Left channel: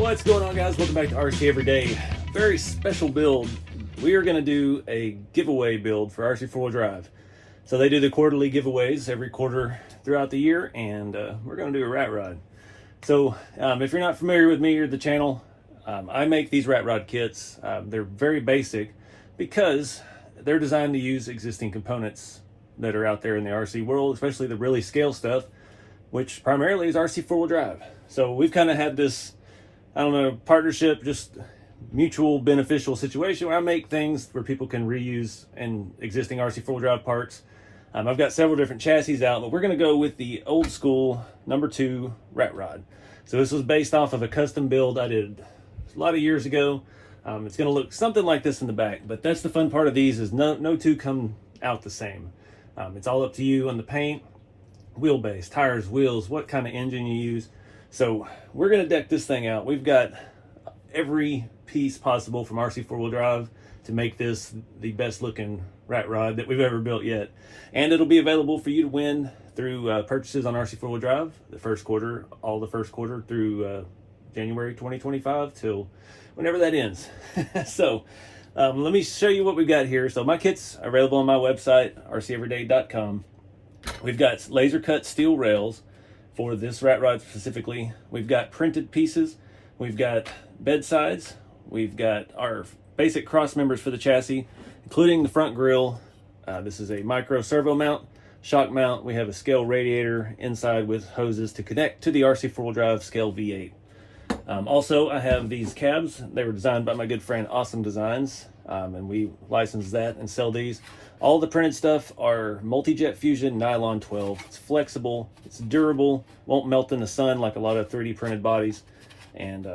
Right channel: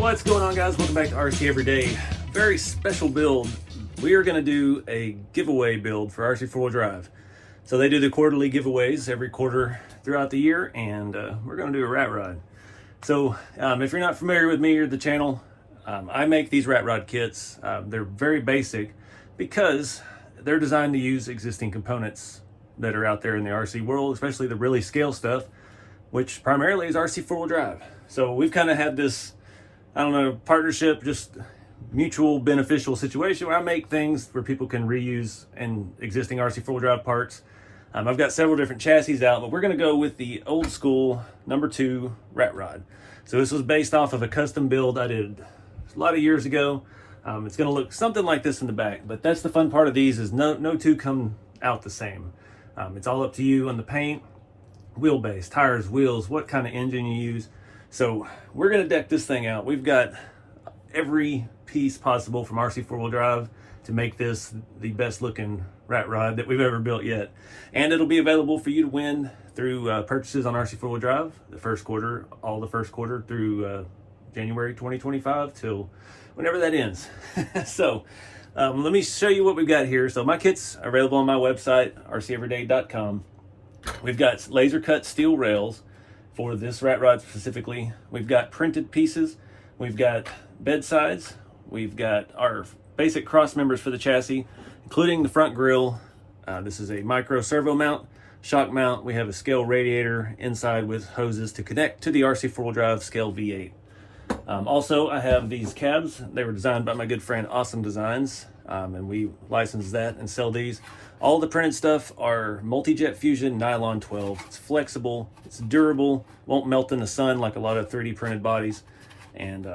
What's going on, guys? Welcome back to RC4wd. Very special build. We are going to do a giveaway build for RC4wd drive. So they do the quarterly giveaways every quarter throughout the year, and we're going to do a rat rod. So if you're not familiar with me or the channel, I make these rat rod kits. They're very basic because they're designed to use existing components that are out there in the RC world, especially the really scale stuff, which primarily is RC4wd drive. So we've kind of had this, I don't know, partnership, just mutual beneficial situation where I make things where people can reuse in existing RC4wd drive parts. I've got several different chassis out, but we're going to go with the old school #2 rat rod. So this was based off of a custom build I did a lot of years ago. It's going to look something like this in the back, but that's the fun part of these, is no two come out the same. It's all up to you on the paint, wheelbase, tires, wheels, what kind of engine you use. So we're going to deck this thing out. We've got every piece possible from RC4wd drive to make this the best looking rat rod that we've ever built yet. And it'll be available for you to win through purchases on RC4wd drive the first quarter, all the first quarter through January 2025 till whenever that ends. So let me show you what we've got here. So my kits are available on my website, rc4wd.com. We've got laser cut steel rails for this rat rod specifically. We've got printed pieces. We've got bed sides. We've got our basic cross members for the chassis, including the front grille. This is a micro servo mount, shock mount. We have a scale radiator inside with hoses to connect to the RC4wd drive scale V8. Also, I have these cabs. They were designed by my good friend Ossumdesigns, and we license that and sell these. All the printed stuff are multi-jet fusion nylon 12. It's flexible, it's durable, won't melt in the sun like a lot of 3D printed bodies, and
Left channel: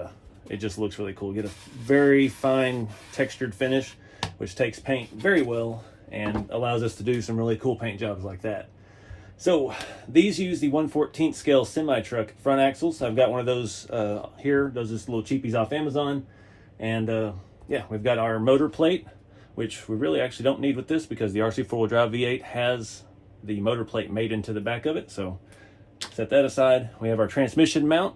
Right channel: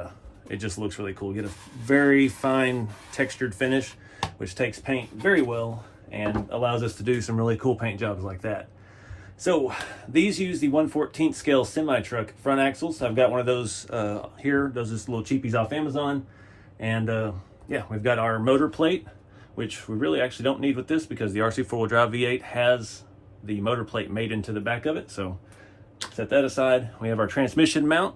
it just looks really cool. You get a very fine textured finish, which takes paint very well and allows us to do some really cool paint jobs like that. So these use the 1/14 scale semi-truck front axles. I've got one of those here. Those are just little cheapies off Amazon. And yeah, we've got our motor plate, which we really actually don't need with this because the RC4wd drive V8 has the motor plate made into the back of it. So set that aside. We have our transmission mount.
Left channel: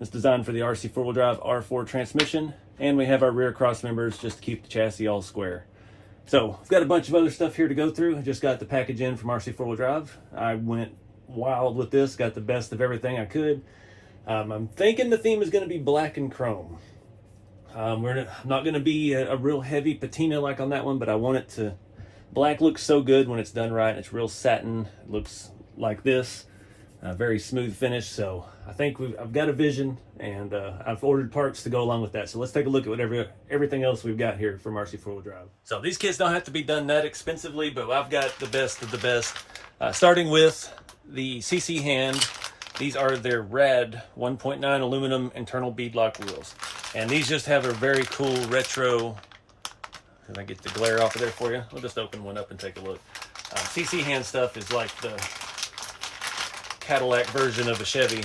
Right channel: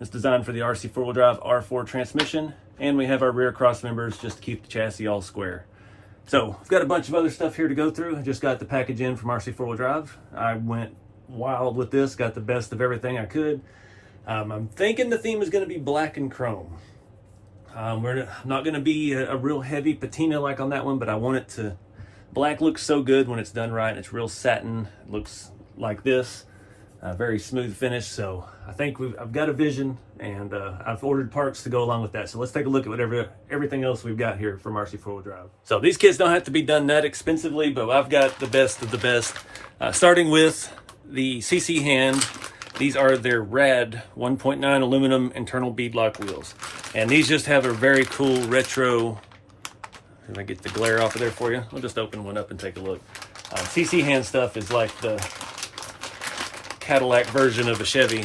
It's designed for the RC4wd drive R4 transmission. And we have our rear cross members just to keep the chassis all square. So we've got a bunch of other stuff here to go through. I just got the package in from RC4wd drive. I went wild with this, got the best of everything I could. I'm thinking the theme is going to be black and chrome. We're not going to be a real heavy patina like on that one, but I want it to, black looks so good when it's done right. It's real satin, it looks like this, very smooth finish. So I think I've got a vision, and I've ordered parts to go along with that. So let's take a look at everything else we've got here from RC4wd drive. So these kits don't have to be done that expensively, but I've got the best of the best. Starting with the CC hand. These are their rad 1.9 aluminum internal beadlock wheels. And these just have a very cool retro, let me get the glare off of there for you. I'll just open one up and take a look. CC hand stuff is like the Cadillac version of a Chevy.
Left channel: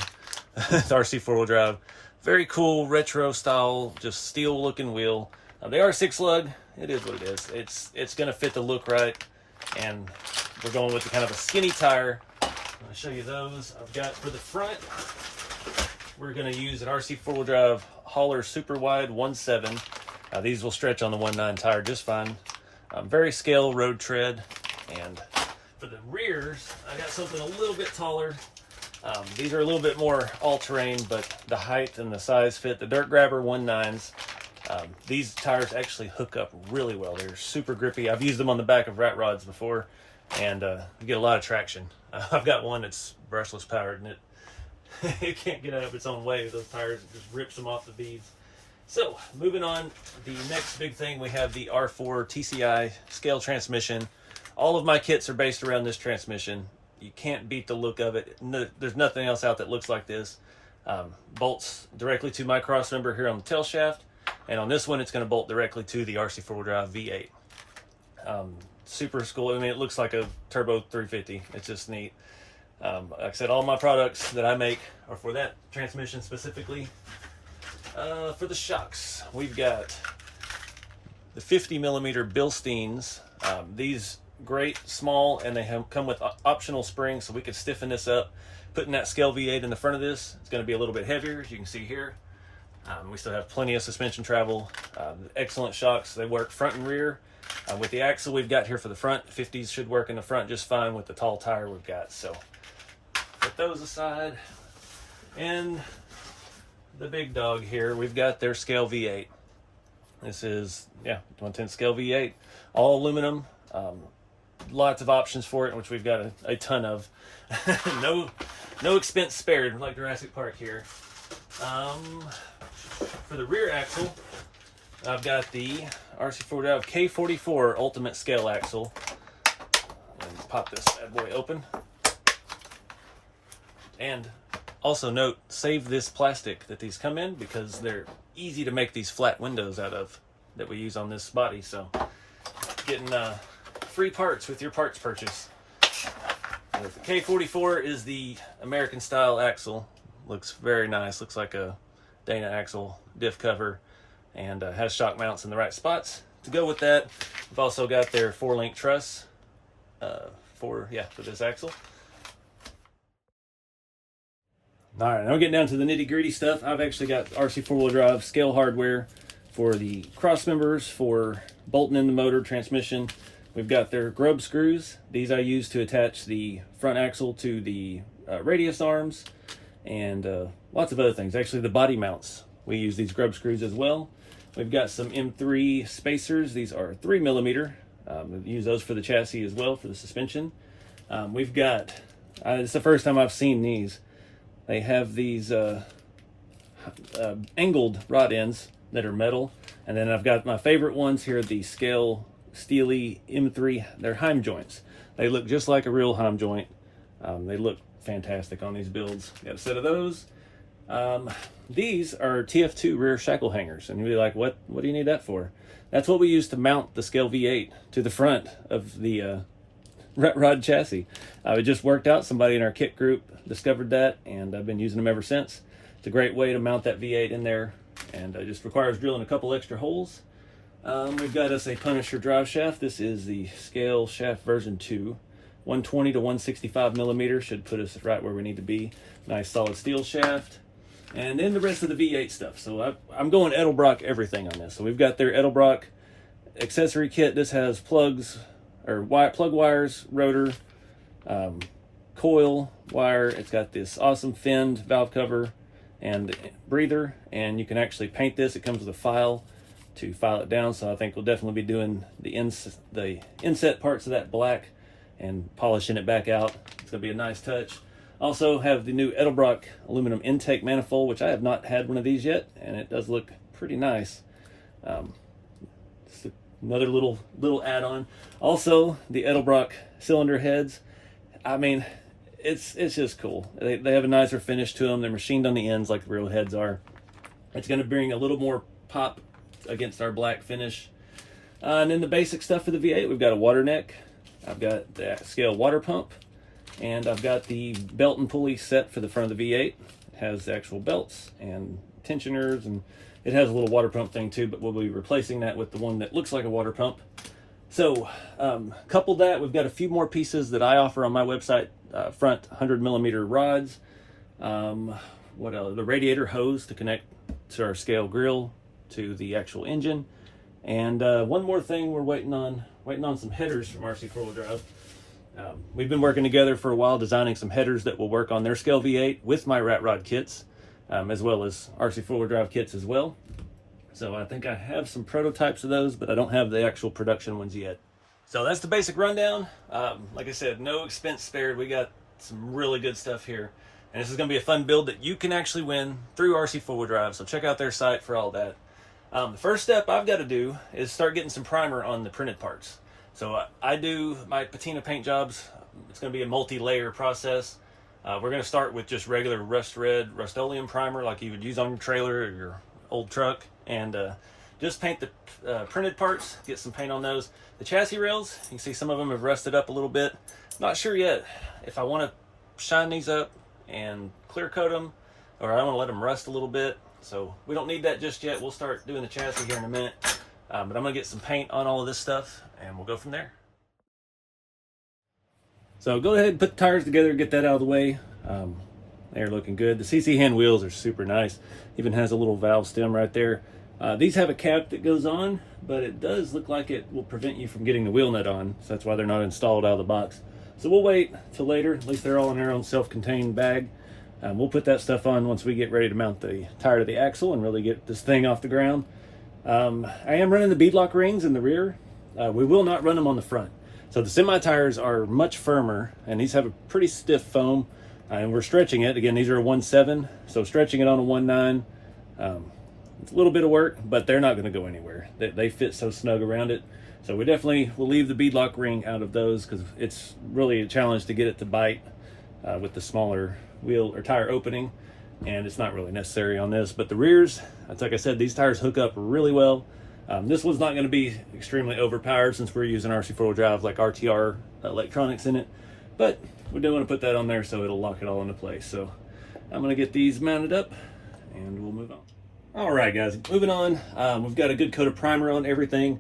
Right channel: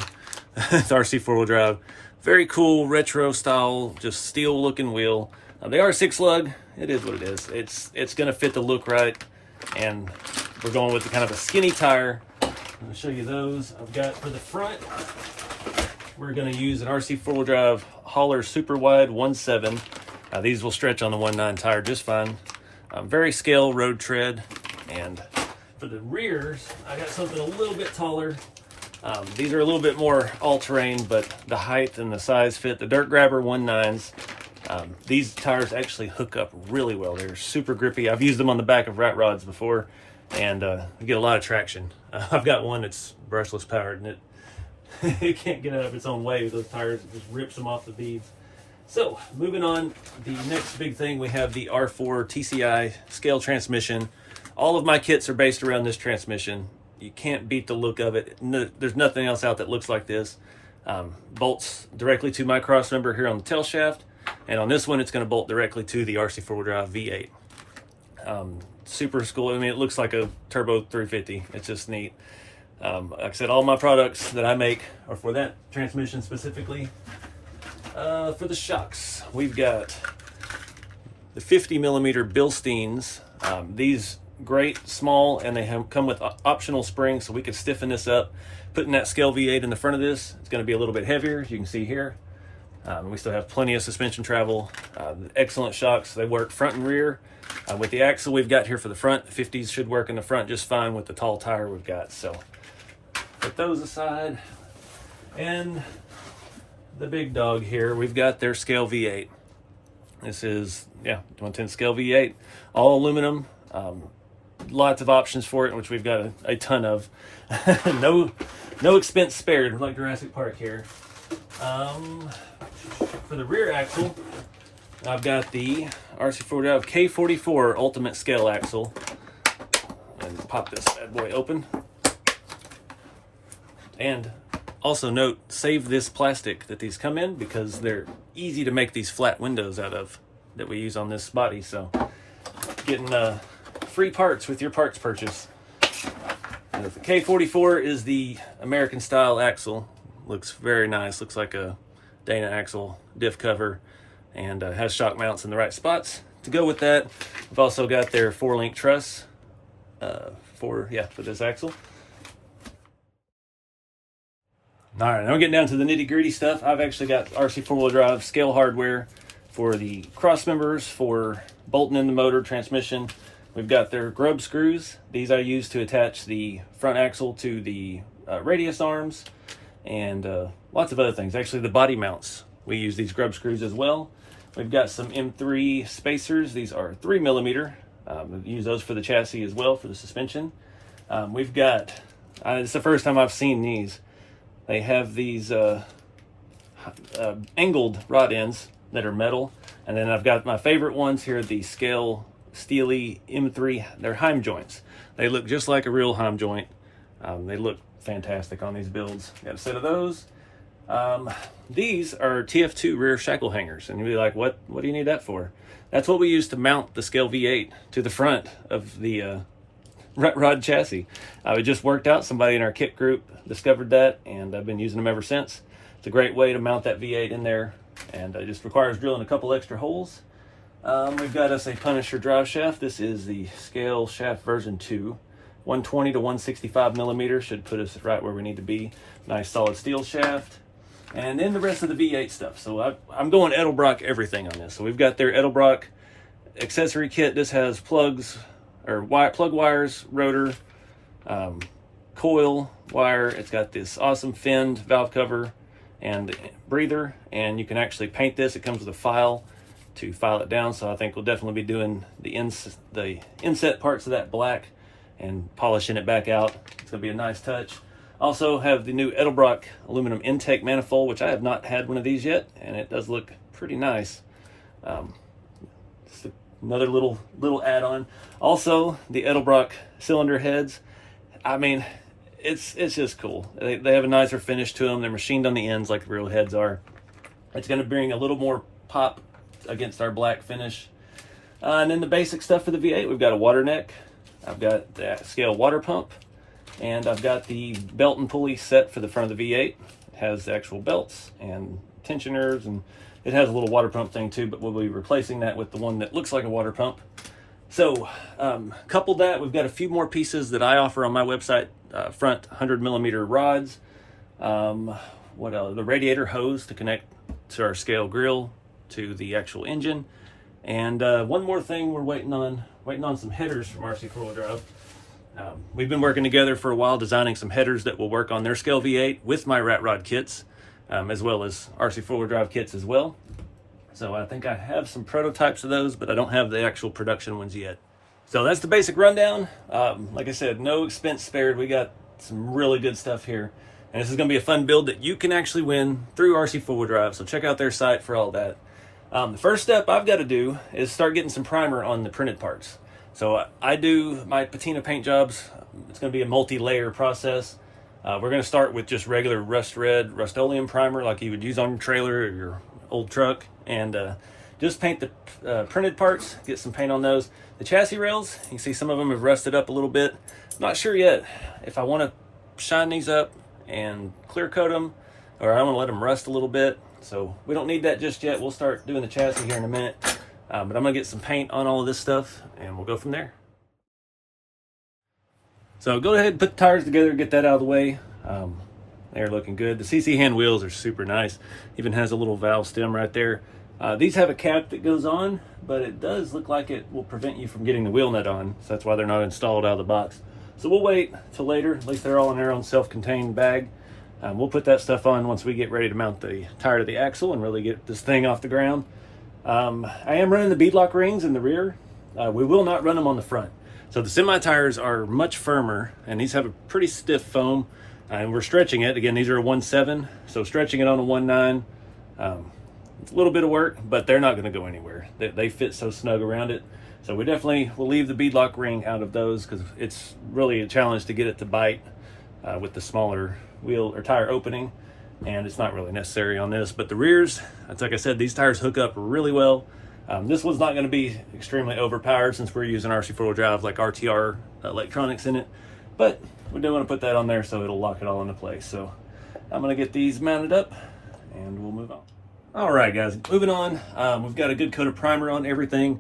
It's RC4wd drive. Very cool retro style, just steel looking wheel. They are 6 lug. It is what it is. It's gonna fit the look right, and we're going with kind of a skinny tire. I'm going to show you those. I've got for the front, we're going to use an RC4wd drive Holler super wide 1.7. These will stretch on the 1.9 tire just fine. Very scale road tread. And for the rears, I got something a little bit taller. These are a little bit more all-terrain, but the height and the size fit. The Dirt Grabber 1.9s. These tires actually hook up really well. They're super grippy. I've used them on the back of rat rods before, and they get a lot of traction. I've got one that's brushless powered, and it can't get out of its own way. Those tires, it just rips them off the beads. So moving on, the next big thing, we have the R4 TCI scale transmission. All of my kits are based around this transmission. You can't beat the look of it. No, there's nothing else out that looks like this. Bolts directly to my cross member here on the tail shaft, and on this one it's going to bolt directly to the RC4wd drive V8. Super cool. I mean, it looks like a turbo 350. It's just neat. Like I said, all my products that I make are for that transmission specifically. For the shocks, we've got the 50mm Bilsteins. These great, small, and they come with optional springs, so we can stiffen this up. Putting that scale V8 in the front of this, it's going to be a little bit heavier, as you can see here. We still have plenty of suspension travel, excellent shocks. They work front and rear. With the axle we've got here for the front, 50s should work in the front just fine with the tall tire we've got. So put those aside. And the big dog here, we've got their scale V8. This is, 110 scale V8, all aluminum. Lots of options for it, which we've got a ton of. no expense spared, like Jurassic Park here. For the rear axle, I've got the RC4wd K44 Ultimate Scale Axle. And pop this bad boy open. And also note, save this plastic that these come in because they're easy to make these flat windows out of that we use on this body. So getting free parts with your parts purchase. And the K44 is the American style axle. Looks very nice. Looks like a Dana axle diff cover, and has shock mounts in the right spots to go with that. We've also got their 4-link truss for this axle. All right, now we're getting down to the nitty gritty stuff. I've actually got RC4 drive scale hardware for the cross members, for bolting in the motor, transmission. We've got their grub screws. These I use to attach the front axle to the radius arms, and lots of other things. Actually, the body mounts, we use these grub screws as well. We've got some M3 spacers. These are 3mm. We use those for the chassis as well, for the suspension. We've got, it's the first time I've seen these. They have these angled rod ends that are metal. And then I've got my favorite ones here, the Scale Steely M3. They're Heim joints. They look just like a real Heim joint. They look fantastic on these builds. Got a set of those. These are TF2 rear shackle hangers, and you'll be like, what do you need that for? That's what we use to mount the Scale V8 to the front of the Rat Rod chassis. It just worked out. Somebody in our kit group discovered that, and I've been using them ever since. It's a great way to mount that V8 in there, and it just requires drilling a couple extra holes. We've got us a Punisher drive shaft. This is the Scale shaft version 2. 120 to 165mm should put us right where we need to be. Nice solid steel shaft. And then the rest of the V8 stuff. So I'm going Edelbrock everything on this. So we've got their Edelbrock accessory kit. This has plugs, or plug wires, rotor, coil wire. It's got this awesome finned valve cover and breather. And you can actually paint this. It comes with a file to file it down. So I think we'll definitely be doing the inset parts of that black and polishing it back out. It's gonna be a nice touch. Also have the new Edelbrock aluminum intake manifold, which I have not had one of these yet, and it does look pretty nice. Just another little add-on. Also, the Edelbrock cylinder heads. I mean, it's just cool. They have a nicer finish to them. They're machined on the ends like the real heads are. It's going to bring a little more pop against our black finish. And then the basic stuff for the V8, we've got a water neck. I've got the Scale water pump, and I've got the belt and pulley set for the front of the V8. It has the actual belts and tensioners, and it has a little water pump thing too, but we'll be replacing that with the one that looks like a water pump. So coupled that, we've got a few more pieces that I offer on my website. Front 100mm rods. What else? The radiator hose to connect to our Scale grill to the actual engine. And one more thing, we're waiting on some headers from RC4wd Drive. We've been working together for a while, designing some headers that will work on their Scale V8 with my Rat Rod kits, as well as RC4wd Drive kits as well. So I think I have some prototypes of those, but I don't have the actual production ones yet. So that's the basic rundown. Like I said, no expense spared. We got some really good stuff here. And this is going to be a fun build that you can actually win through RC4wd Drive. So check out their site for all that. The first step I've got to do is start getting some primer on the printed parts. So I do my patina paint jobs. It's going to be a multi-layer process. We're going to start with just regular rust red Rust-Oleum primer like you would use on your trailer or your old truck, and just paint the printed parts, get some paint on those. The chassis rails, you can see some of them have rusted up a little bit. I'm not sure yet if I want to shine these up and clear coat them, or I want to let them rust a little bit. So we don't need that just yet. We'll start doing the chassis here in a minute. But I'm going to get some paint on all of this stuff, and we'll go from there. So go ahead and put the tires together, get that out of the way. They're looking good. The CC hand wheels are super nice. Even has a little valve stem right there. These have a cap that goes on, but it does look like it will prevent you from getting the wheel nut on. So that's why they're not installed out of the box. So we'll wait till later. At least they're all in their own self-contained bag. We'll put that stuff on once we get ready to mount the tire to the axle and really get this thing off the ground. I am running the beadlock rings in the rear. We will not run them on the front. So the semi tires are much firmer, and these have a pretty stiff foam, and we're stretching it. Again, these are a 1.7, so stretching it on a 1.9, it's a little bit of work, but they're not going to go anywhere. They fit so snug around it. So we definitely will leave the beadlock ring out of those because it's really a challenge to get it to bite with the smaller wheel or tire opening, and it's not really necessary on this. But the rears, it's like I said, these tires hook up really well. This one's not going to be extremely overpowered since we're using RC4wd drive like RTR electronics in it, but we do want to put that on there so it'll lock it all into place. So I'm going to get these mounted up and we'll move on. All right, guys, moving on. We've got a good coat of primer on everything.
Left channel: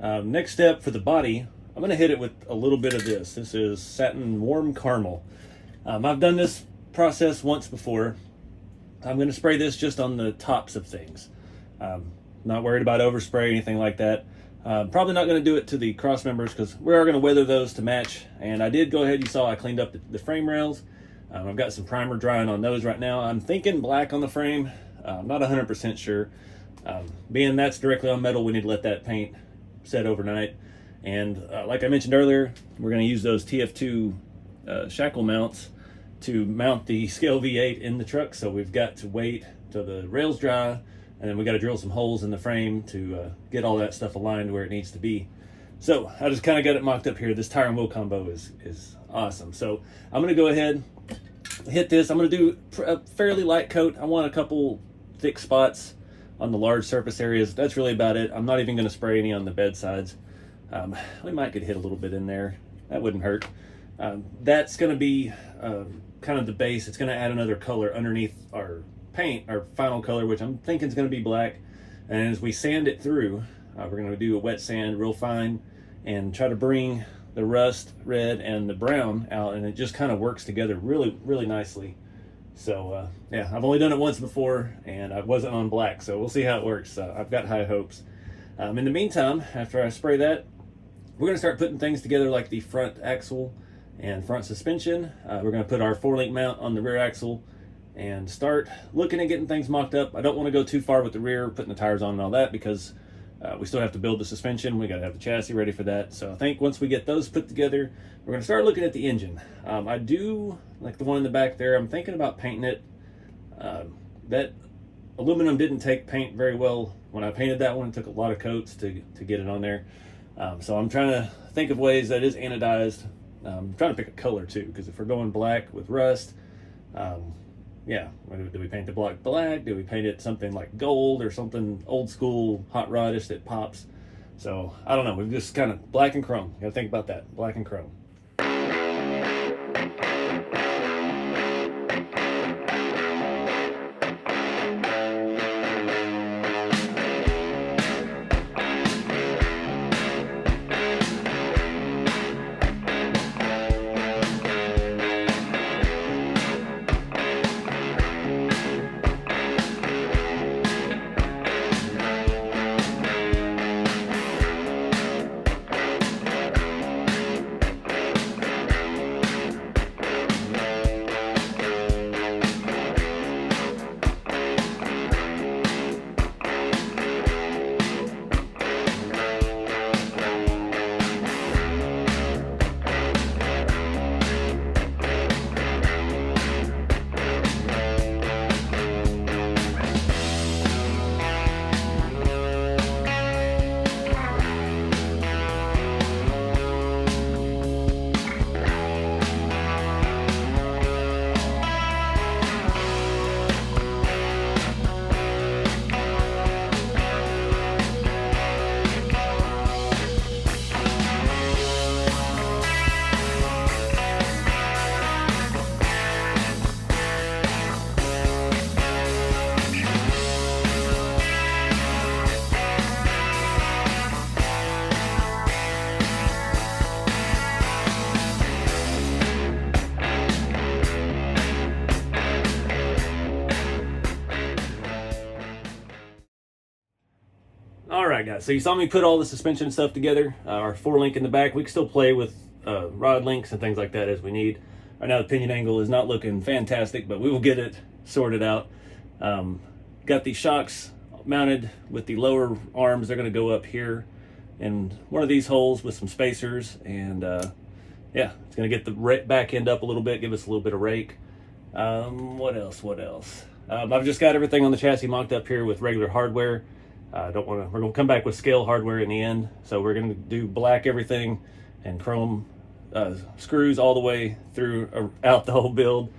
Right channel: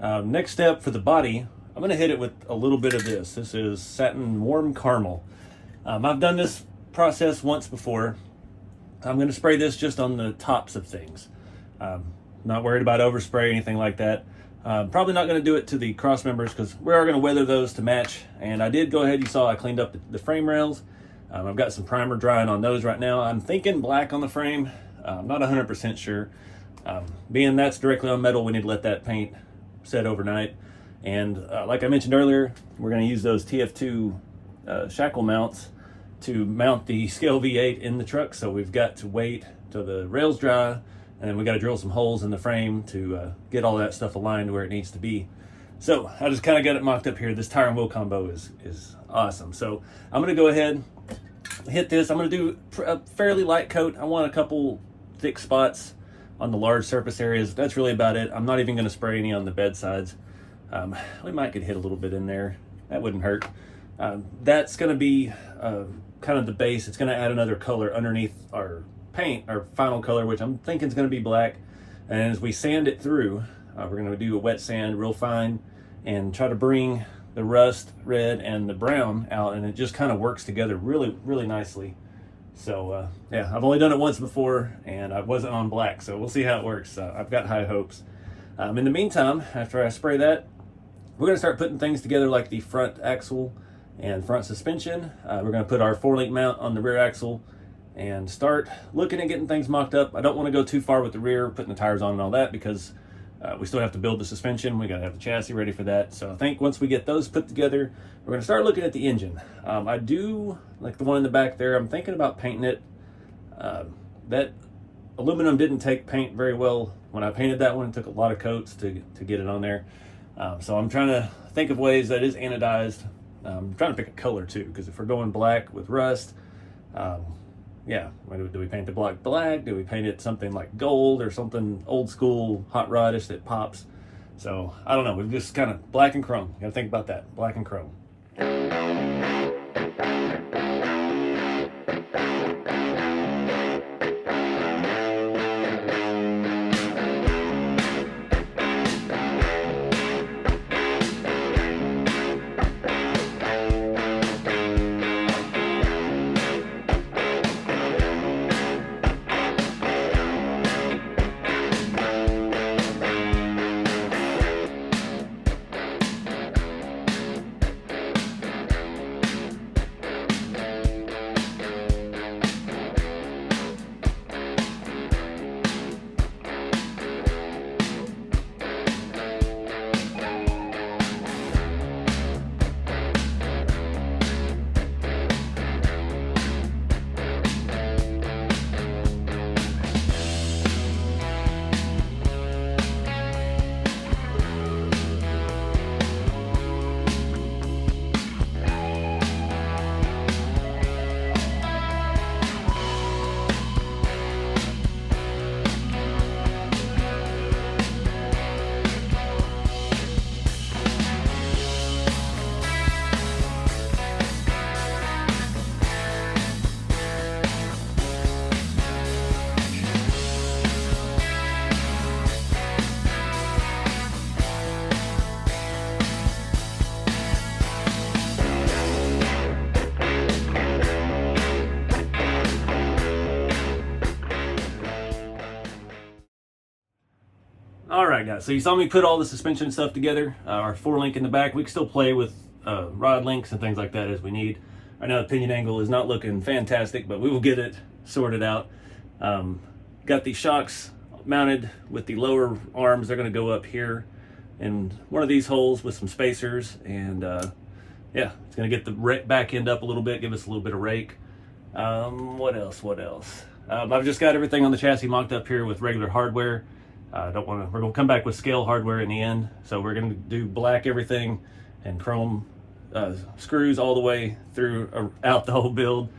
Next step for the body, I'm going to hit it with a little bit of this. This is satin warm caramel. I've done this process once before. I'm going to spray this just on the tops of things. Not worried about overspray or anything like that. Probably not going to do it to the cross members because we are going to weather those to match. And I did go ahead, you saw I cleaned up the frame rails. I've got some primer drying on those right now. I'm thinking black on the frame. I'm not 100% sure. Being that's directly on metal, we need to let that paint set overnight. And like I mentioned earlier, we're going to use those TF2 shackle mounts to mount the scale V8 in the truck. So we've got to wait till the rails dry, and then we got to drill some holes in the frame to get all that stuff aligned where it needs to be. So I just kind of got it mocked up here. This tire and wheel combo is awesome. So I'm going to go ahead, hit this. I'm going to do a fairly light coat. I want a couple thick spots on the large surface areas. That's really about it. I'm not even going to spray any on the bed sides. We might could hit a little bit in there. That wouldn't hurt. That's going to be kind of the base. It's going to add another color underneath our paint, our final color, which I'm thinking is going to be black. And as we sand it through, we're going to do a wet sand real fine and try to bring the rust red and the brown out, and it just kind of works together really, really nicely. So yeah, I've only done it once before and I wasn't on black, so we'll see how it works. I've got high hopes. In the meantime, after I spray that, we're going to start putting things together like the front axle and front suspension. We're going to put our 4-link mount on the rear axle and start looking at getting things mocked up. I don't want to go too far with the rear, putting the tires on and all that, because we still have to build the suspension. We got to have the chassis ready for that. So I think once we get those put together, we're going to start looking at the engine. I do like the one in the back there. I'm thinking about painting it. That aluminum didn't take paint very well when I painted that one. It took a lot of coats to get it on there. So I'm trying to think of ways that is anodized. I'm trying to pick a color too, because if we're going black with rust, yeah, do we paint the black black? Do we paint it something like gold or something old school hot rodish that pops? So I don't know. We've just kind of black and chrome. You gotta think about that, black and chrome. All right, guys, so you saw me put all the suspension stuff together. Our 4-link in the back. We can still play with rod links and things like that as we need. Right now the pinion angle is not looking fantastic, but we will get it sorted out. Got these shocks mounted with the lower arms. They're going to go up here in one of these holes with some spacers, and yeah, it's going to get the back end up a little bit, give us a little bit of rake. What else? I've just got everything on the chassis mocked up here with regular hardware. We're going to come back with scale hardware in the end. So we're going to do black everything and chrome screws all the way through out the whole build.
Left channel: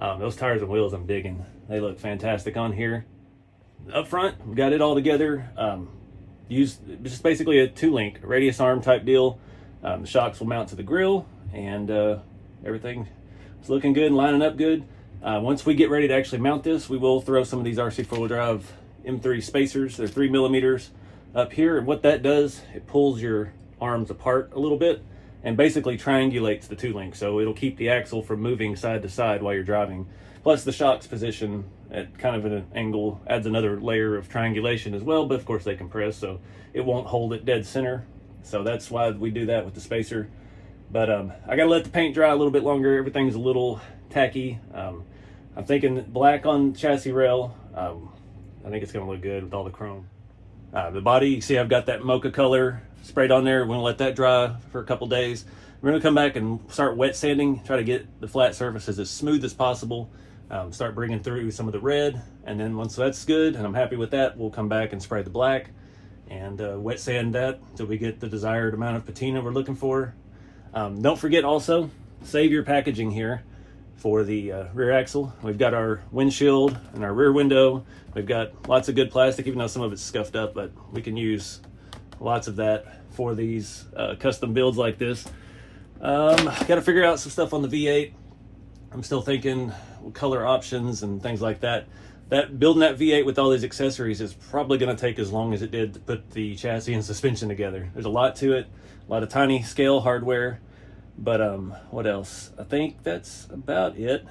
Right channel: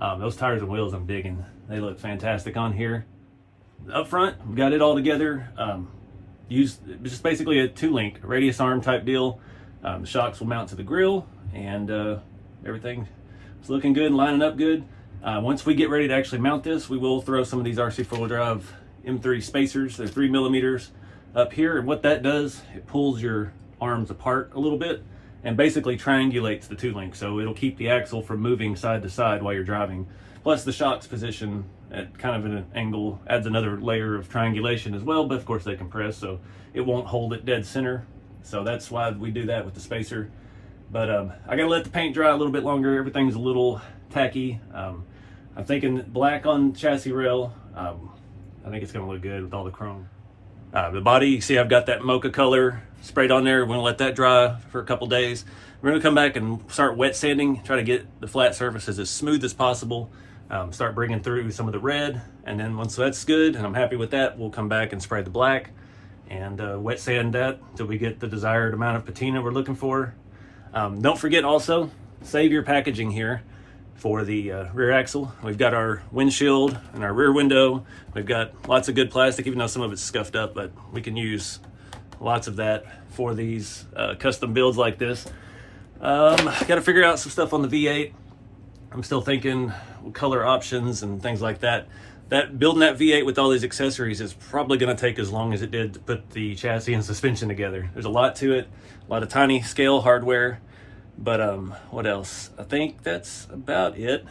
Those tires and wheels I'm digging. They look fantastic on here. Up front, we've got it all together. Used just basically a 2-link radius arm type deal. The shocks will mount to the grill, and everything is looking good and lining up good. Once we get ready to actually mount this, we will throw some of these RC4 drive M3 spacers. They're 3 millimeters up here, and what that does, it pulls your arms apart a little bit and basically triangulates the 2-link, so it'll keep the axle from moving side to side while you're driving. Plus the shocks position at kind of an angle adds another layer of triangulation as well, but of course they compress, so it won't hold it dead center. So that's why we do that with the spacer. But I gotta let the paint dry a little bit longer. Everything's a little tacky. I'm thinking black on chassis rail. I think it's gonna look good with all the chrome. The body, you see I've got that mocha color sprayed on there. We're gonna let that dry for a couple days. We're gonna come back and start wet sanding, try to get the flat surfaces as smooth as possible. Start bringing through some of the red, and then once that's good and I'm happy with that, we'll come back and spray the black and wet sand that until we get the desired amount of patina we're looking for. Don't forget also, save your packaging here for the rear axle. We've got our windshield and our rear window. We've got lots of good plastic, even though some of it's scuffed up, but we can use lots of that for these custom builds like this. Got to figure out some stuff on the V8. I'm still thinking color options and things like that. Building that V8 with all these accessories is probably going to take as long as it did to put the chassis and suspension together. There's a lot to it, a lot of tiny scale hardware. But what else? I think that's about it.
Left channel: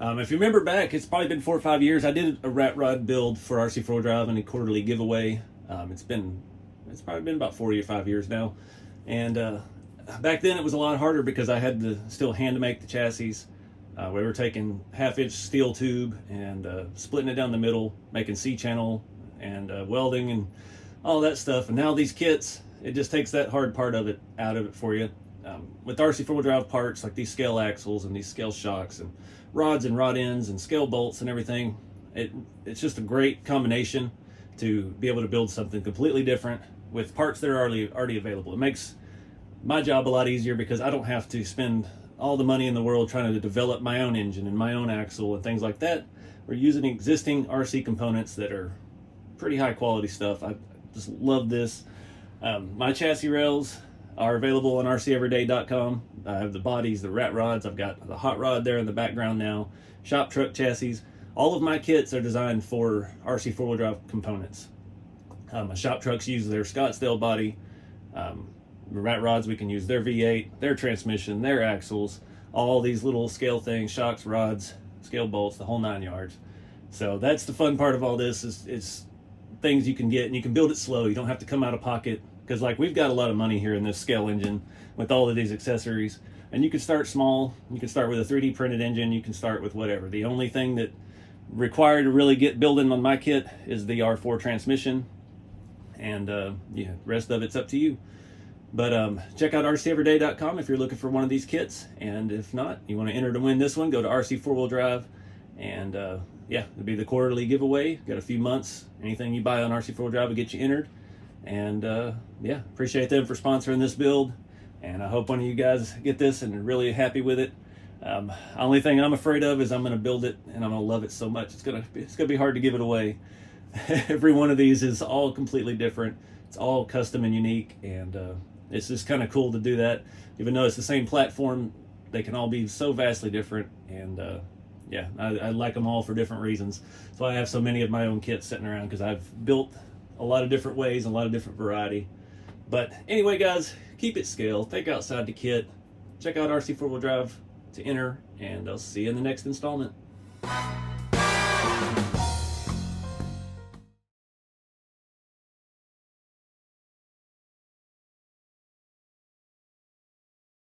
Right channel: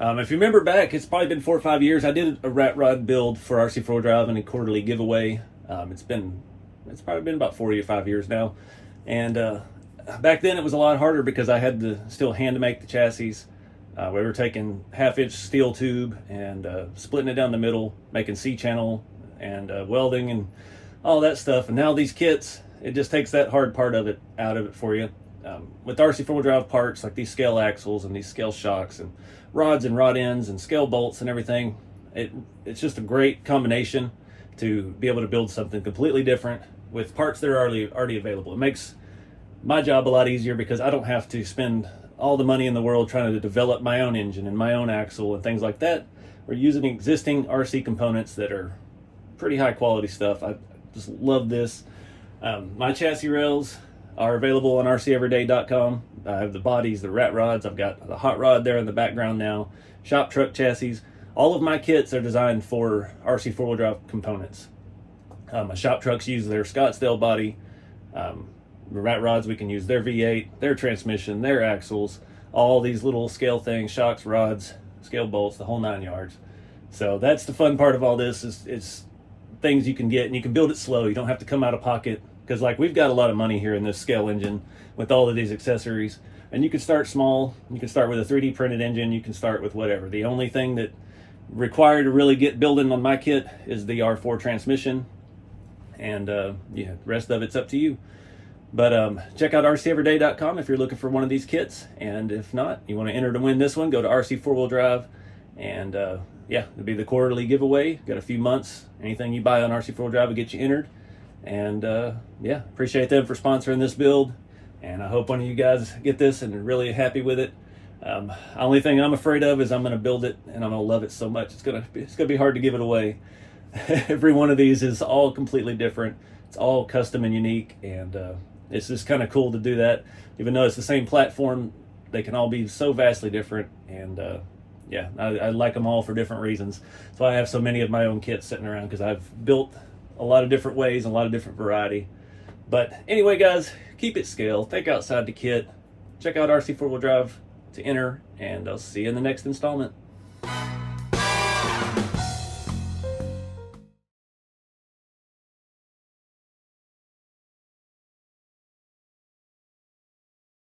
If you remember back, it's probably been 4 or 5 years. I did a Rat Rod build for RC4 Drive and a quarterly giveaway. It's probably been about 4 or 5 years now. And back then it was a lot harder because I had to still hand make the chassis. We were taking 1/2-inch steel tube and splitting it down the middle, making C-channel and welding and all that stuff. And now these kits, it just takes that hard part of it out of it for you. With RC4 Drive parts like these scale axles and these scale shocks and rods and rod ends and scale bolts and everything, it's just a great combination to be able to build something completely different with parts that are already available. It makes my job a lot easier because I don't have to spend all the money in the world trying to develop my own engine and my own axle and things like that. We're using existing RC components that are pretty high quality stuff. I just love this. My chassis rails are available on rceveryday.com. I have the bodies, the rat rods. I've got the hot rod there in the background now. Shop truck chassis. All of my kits are designed for RC 4-wheel drive components. My shop trucks use their Scottsdale body. The rat rods, we can use their V8, their transmission, their axles, all these little scale things, shocks, rods, scale bolts, the whole 9 yards. So that's the fun part of all this is things you can get, and you can build it slow. You don't have to come out of pocket. Because like we've got a lot of money here in this scale engine with all of these accessories, and you can start small. You can start with a 3D printed engine. You can start with whatever. The only thing that required to really get building on my kit is the R4 transmission, and yeah, the rest of it's up to you. But check out rceveryday.com if you're looking for one of these kits, and if not, you want to enter to win this one, go to RC4wheel drive, and yeah, it'll be the quarterly giveaway. Got a few months. Anything you buy on RC4wheel drive will get you entered. And yeah, appreciate them for sponsoring this build, and I hope one of you guys get this and are really happy with it. Only thing I'm afraid of is I'm going to build it and I'm going to love it so much it's going to be hard to give it away. Every one of these is all completely different. It's all custom and unique, and it's just kind of cool to do that. Even though it's the same platform, they can all be so vastly different. And yeah, I like them all for different reasons. That's why I have so many of my own kits sitting around, because I've built a lot of different ways, a lot of different variety. But anyway, guys, keep it scale. Think outside the kit. Check out RC 4-wheel drive to enter, and I'll see you in the next installment.